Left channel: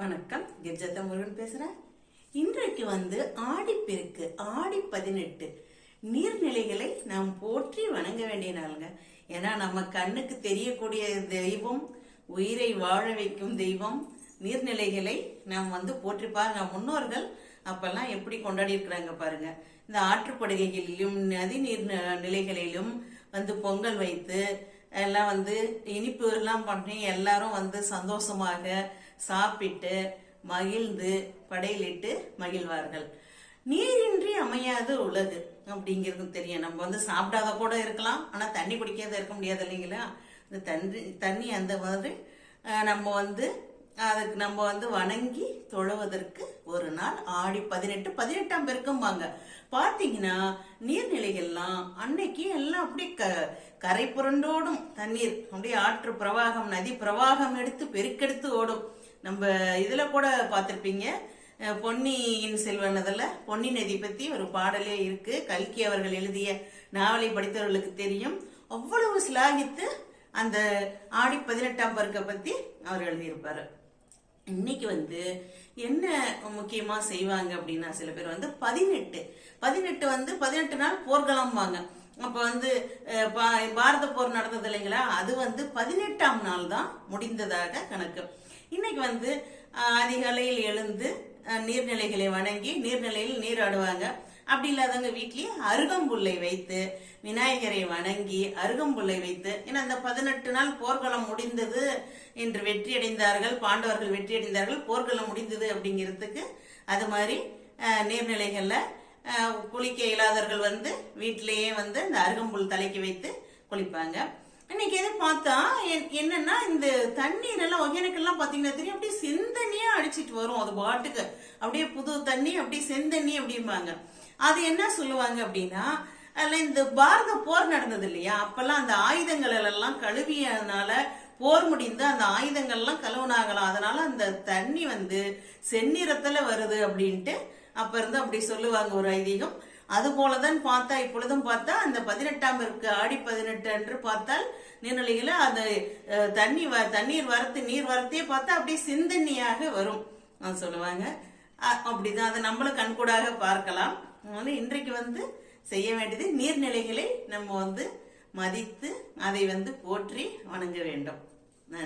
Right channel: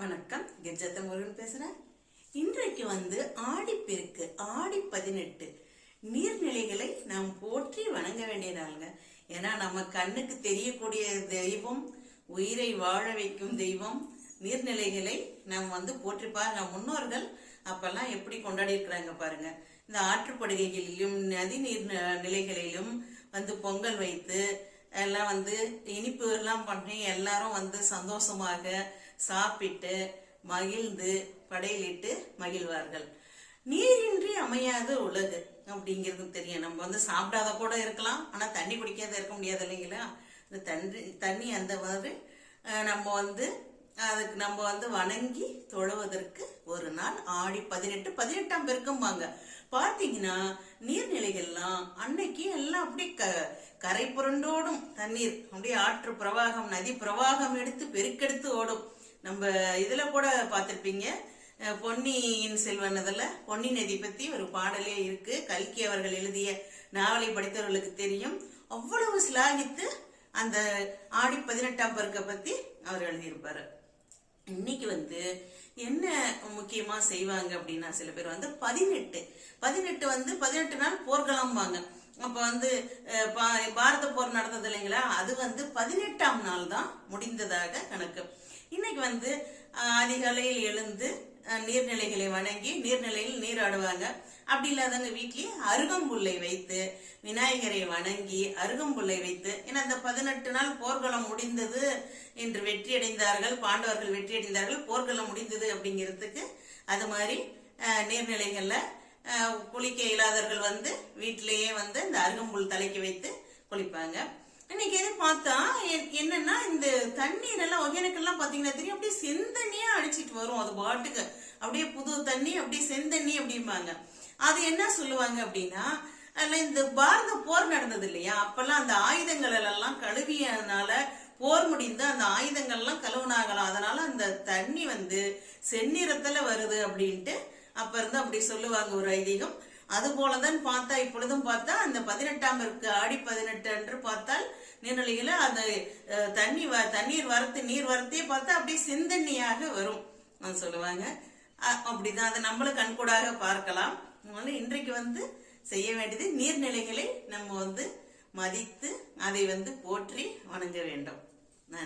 வணக்கம். கிர்ஜத்த முருகன் பேசுறேன் இன்றைக்கு வந்து ஆடிப்பெருக்கு ஆடி பதினெட்டு நீர்நிலைகளை நாம் போற்றி வணங்க வேண்டிய நாளுங்க. ஏன்னா நம்ம கண்ணுக்கு தெரியக்கூடிய தெய்வம் உயிரை வாழ வைக்கும் தெய்வம் நீர்நிலைகளை நாம் வந்து போற்றி பாருங்க. முன்னோர்கள் அப்பெல்லாம் எப்படி கொண்டாடி இருக்கிறாங்க பாருங்க. இந்த ஆற்றுப்படுகைகளிலும் நதி நீர் நிலைகளிலும் வந்து பொங்கல் வைத்து எல்லாம் வந்து இனிப்பு எல்லாம் பண்ணி எல்லாரும் வந்து சந்தோஷமாக சாப்பிட்டு மகிழ்ந்து படையலிட்டு மகிழ்வார்கள். நீரின்றி அமையாத உலகு அப்படிங்கிறது தெரியும். நம்ம வந்து சாப்பிடாத கூட இருக்கலாம். ஆனால் தண்ணி குடிக்காத இருக்க முடியாது இல்லைங்களா? இந்த தண்ணி தண்ணி அந்த மாதிரி நம்ம வந்து அதுக்கு நம்ம வந்து வணங்கி தொழுவதற்கு ஒரு நாள் ஆடி பதினெட்டு பதினெட்டாம் பெருக்கம்பாங்க. பார்த்தீங்கன்னா நீர்நிலைகள்லாம் அன்னைக்கு எல்லாம் அப்படியே க கரை புரண்டோடும் தண்ணீர் அப்படியே ஆற்று பிரவாகம் நதி பிரவாகம் எடுத்து பெருக்கெடுத்து ஓடும். நம்ம இதுல கூட பார்த்துருப்பீங்க. பொன்னியின் செல்வன் அதில் பொன்னி நதி பத்தி ஒரு பாடலே இருக்கு. கல்கி அவர்கள் எழுதிய நாவலை படித்தவர்களுக்கு தெரியும். அவ்வளவு சிலாகித்து அந்த ஆடி பதினெட்டாம் பருக்கை பத்தி அவர் எழுதியிருப்பாரு. இன்னைக்கு வந்து என்ன முக்கியமா செய்வாங்க அப்படின்னா சில பேர் வந்து பதினெட்டு. பதினெட்டு வந்து பதினெட்டு நாள் போர்களம்பாங்க அப்ப வந்து பா- பாரத போர் நடந்தது இல்லைங்களா? அது வந்து பதினெட்டாம் நாள் தான் முடிந்ததாக கணக்கு. இன்னைக்கு வந்து அதிகாலையில் எழுந்து நீர்நிலைகளை வணங்கி நீர்நிலையில் நீராடுவாங்க அப்படி இல்லாதவங்க வீட்லயே அருகம்புல்லை வைத்து விநாயகரை வணங்கி அருகம்புல்லை வைத்து ஏன்னா இந்த பதினெட்டு நாள் போர்க்களம் முடிந்தது என்று வெற்றியடைந்தார்கள் பாண்டவர்கள் வெற்றியடைந்தார்கள் போர்க்களம் முடிந்தது அப்படிங்கிறதுக்கு அது மாதிரி நீர்நிலைகளில் குளிக்க இயலாதவர்கள் வந்து வீட்டிலேயே வந்து இந்த அருகம்புல் தலைக்கு வைத்து குளிப்பாங்க. இன்னைக்கு எது பார்த்தா என்- என்னன்னா இந்த தண்ணீர் எல்லாம் ஒகேனக்கெல்லாம் பாத்தீங்கன்னா தெரியும் அப்படியே செந்தண்ணியா அடிச்சிட்டு வரும் அது பாட்டுக்கு. அப்படியே புது தண்ணி அப்படியே செந்தண்ணி அப்படிம்பாங்க. அது என்ன சொல்லுவாங்க அப்படின்னா அதில் இந்த பாரத போர் நடந்தது இல்லையா? அப்பெல்லாம் அந்த ஆயுதங்கள் எல்லாம் கழுவியனால போர் முடிந்து அந்த ஆயுதங்கள்லாம் கழுவுனாங்களாம். அதனால அந்த தண்ணி வந்து செந்நிறத்துல வருது அப்படின்ட்டு அப்ப இருந்து அப்படி சொல்லுவாங்க ஒரு ஐதீகம். அது போலதான் பார்த்தா இப்பொழுதும் பார்த்தா அந்த பதினெட்டாம் இருக்கு ஆடி பதினெட்டு என்று பார்த்தால் நீர்நிலையில அந்த தண்ணி வ- தண்ணீர் வரத்து நீர் வரத்தையே பார்த்தா அப்படியே சிந்தண்ணியாக வரும். அது சொல்லுவாங்க. அப்படிதான். அதை நம்மளும் கண்கூடாக பார்க்கலாம். அதனால இன்றைக்கு வந்து செய்ய வேண்டியது நீர்நிலைகளை நம்ம வந்து மதித்து அதை வந்து போற்றி வணங்க வேண்டும்.